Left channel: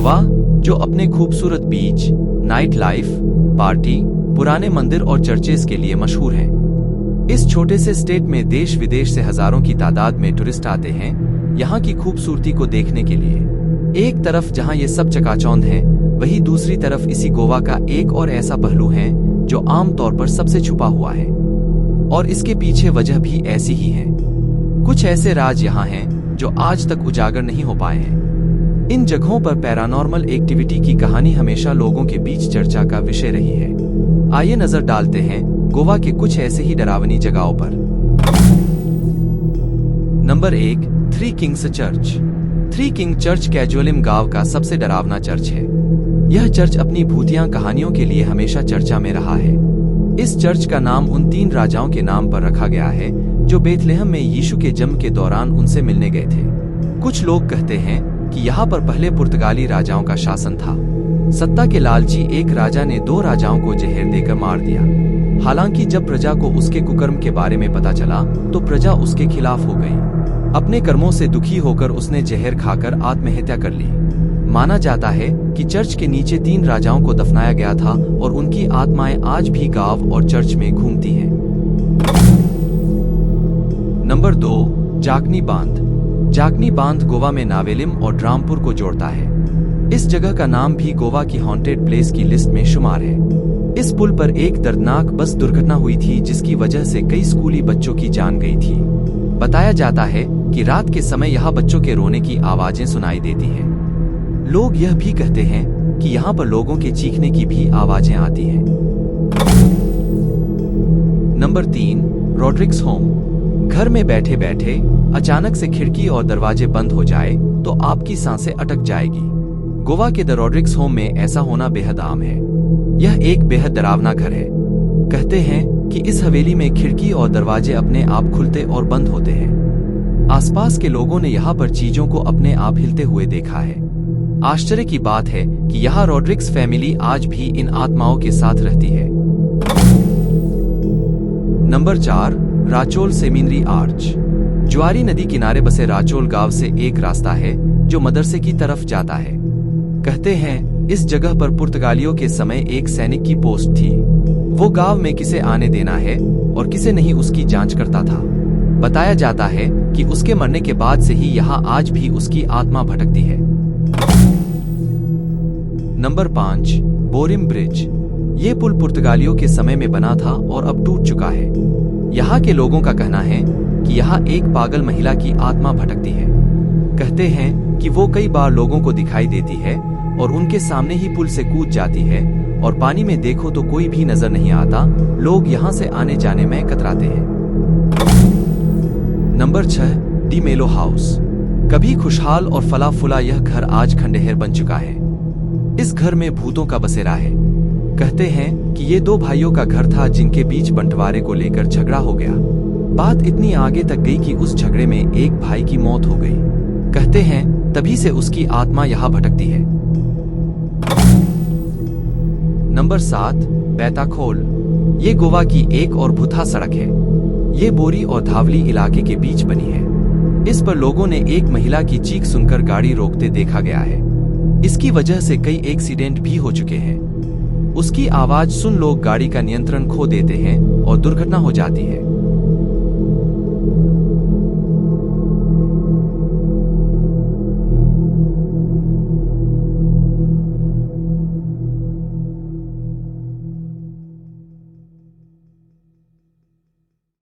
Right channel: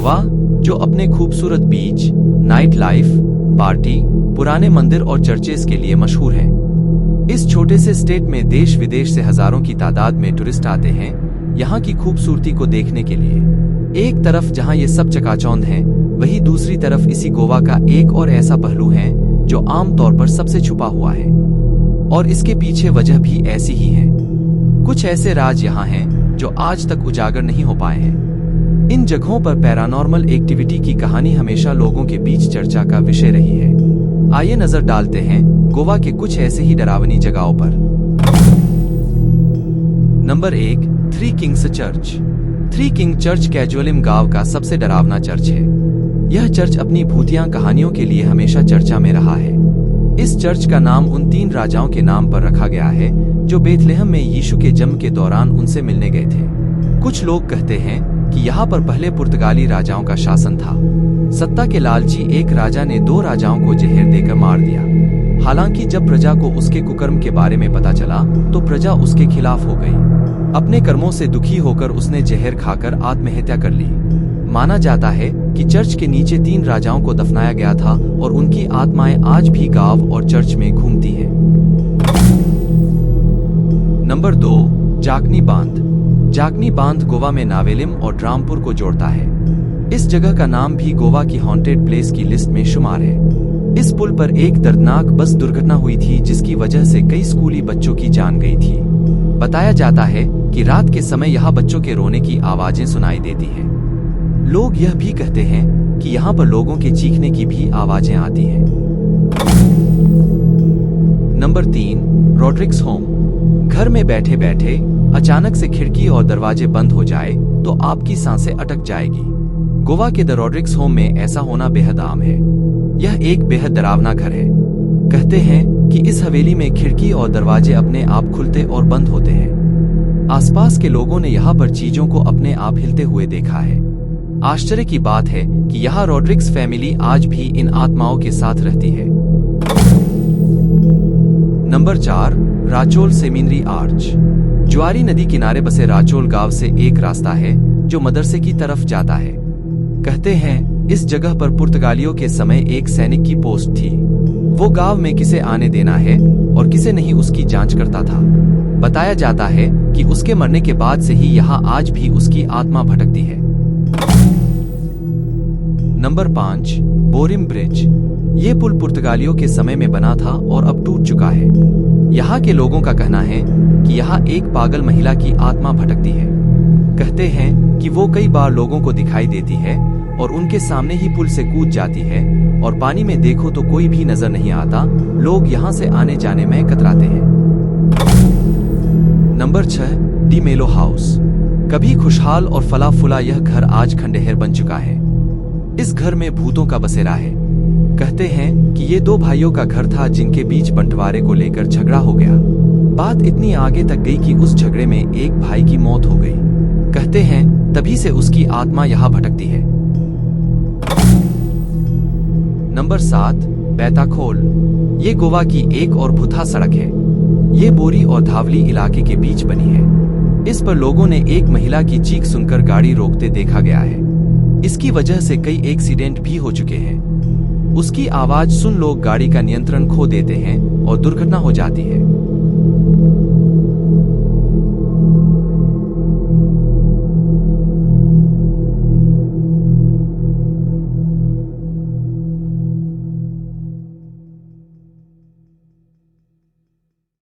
गोवा, जो अपने खूबसूरत बीच, नाइट लाइफ, पार्टी, पुराने मंदिर और चर्चेस के लिए मशहूर है। इस छोटे से स्टेट में देश विदेश से हजारों की तादाद में टूरिस्ट आते हैं यहाँ की खूबसूरती को देखने के लिए। एक तरफ जहाँ ये सब चकाचौंध है, वहीं दूसरी तरफ इसी गोवा का एक और ऐसा पहलू है जो आम तौर पर सबसे छुपा हुआ है, और इसके पीछे वजह भी ऐसी ही है। कुछ ऐसे राज यहाँ हैं जो आज तक उजागर नहीं हो पाए हैं। इन जगहों पर पैरानॉर्मल एक्टिविटी की कहानी हमेशा लोगों के बीच चर्चा का विषय रही है। आइए नजर डालते हैं गोवा के कुछ ऐसे ही डरावनी जगहों पर। Number 1, three kings church. Three king church Cansaulim गांव का सबसे डरावना चर्च है। यह चर्च अपनी भूतिया कहानियों के लिए हमेशा चर्चा में रहा है। इस चर्च का नाम उन 3 राजाओं के नाम पर रखा गया है जो बेथलेहम में यीशु के जन्म के दौरान उनसे मिलने गए थे। कुछ लोग कहते हैं कि यहाँ पर पहले पुर्तगाली राजाओं का शासन था। सत्ता के लालची एक राजा ने 2 राजाओं को जहर देकर मार दिया। हालांकि जब प्रजा को उसके कुकर्म के बारे में पता चला तो प्रजा उसके खिलाफ हो गई। अपने कर्मों से दुखी होकर उसने जहर खाकर आत्महत्या कर ली। माना जाता है कि चर्च के नीचे 3 राजाओं को दफनाया गया था और उनकी आत्माएं आज भी गांव और चर्च में घूमती हैं। नंबर 2, जाकनी बांध। जाकनी बांध गोवा में नावेलिम और ड्रामपुर को जोड़ता है। इस जगह का नाम भी गोवा की हॉन्टेड प्लेस की लिस्ट में शुमार है। इस पुल पर एक दर्दनाक बस दुर्घटना हुई थी जिसकी वजह से कई स्कूली बच्चों की जान गई थी। बताया जाता है कि रात के समय यहाँ बच्चों के रोने की आवाजें सुनाई देती हैं। लोग यह भी कहते हैं कि यहाँ पर लोगों के चीखने की भी आवाजें आती हैं। Number 3, Rodrick's home. घर में बैठे बैठे अचानक से खिड़की और दरवाजे बंद हो जाए तो आपकी सांसें अटक जाएगी। गोवा के द रॉड्रिक्स होम में ऐसा होना बेहद आम है। यह एक बेहद डरावना घर है। कहते हैं कि इस हवेली में खिड़की और दरवाजे अपने आप खुलते और बंद होते हैं। आसपास के लोगों ने यहाँ पर चीजों को अपने आप हिलते हुए देखा है। आश्चर्य की बात है कि यहाँ रॉड्रिक्स फैमिली आज भी इन आत्माओं के साथ रहती है। Number 4, Rachol seminary arch. Zuari नदी किनारे बसे राचोल गांव से एक रास्ता है जो मदरसे की तरफ जाता है। कहते हैं इस जगह पर पुर्तगालियों के समय एक सैनिक की पोस्ट थी। वो गांव में किसे आने देना है और किसे नहीं उसकी जांच करता था। बताया जाता है कि उसके मरने के बाद से ही यहाँ आज भी उसकी आत्मा भटकती है। Number 5, Borim bridge. ये पुल पुर्तगालियों के समय में बना था और अब टूट चुका है। यहाँ के लोगों का कहना है कि यहाँ एक पागल महिला की आत्मा भटकती है। कहते हैं कि वो कई बार लोगों को दिखाई देती है और उनके सामने ही पुल से कूद जाती है और पानी में देखो तो कोई भी नजर नहीं आता। लोग यहाँ से आने जाने में कतराते हैं। नंबर 6, डी मेलो हाउस। कभी खुशहाल और फला फुला यह घर आज खंडहर बन चुका है। इस घर में भूतों का बसेरा है। कहते हैं कि ये 2 भाइयों का घर था जिनके बीच बंटवारे को लेकर झगड़ा हो गया। बात इतनी आगे तक गई कि उस झगड़े में एक भाई की मौत हो गई। कहते हैं तभी से उसकी आत्मा यहाँ भटकती है। नंबर 7, बैताखोल। ये गोवा की एक और भुथा सड़क है। ये बोरी और धावली इलाके के बीच बनी है। इस पर लोगों ने एक महिला की चीख सुनकर गाड़ी रोकते देखा गया है। इसकी वजह से कई एक्सीडेंट भी हो चुके हैं। उसकी आवाज सुन लोग गाड़ी का नियंत्रण खो देते हैं और दुर्घटना हो जाती है।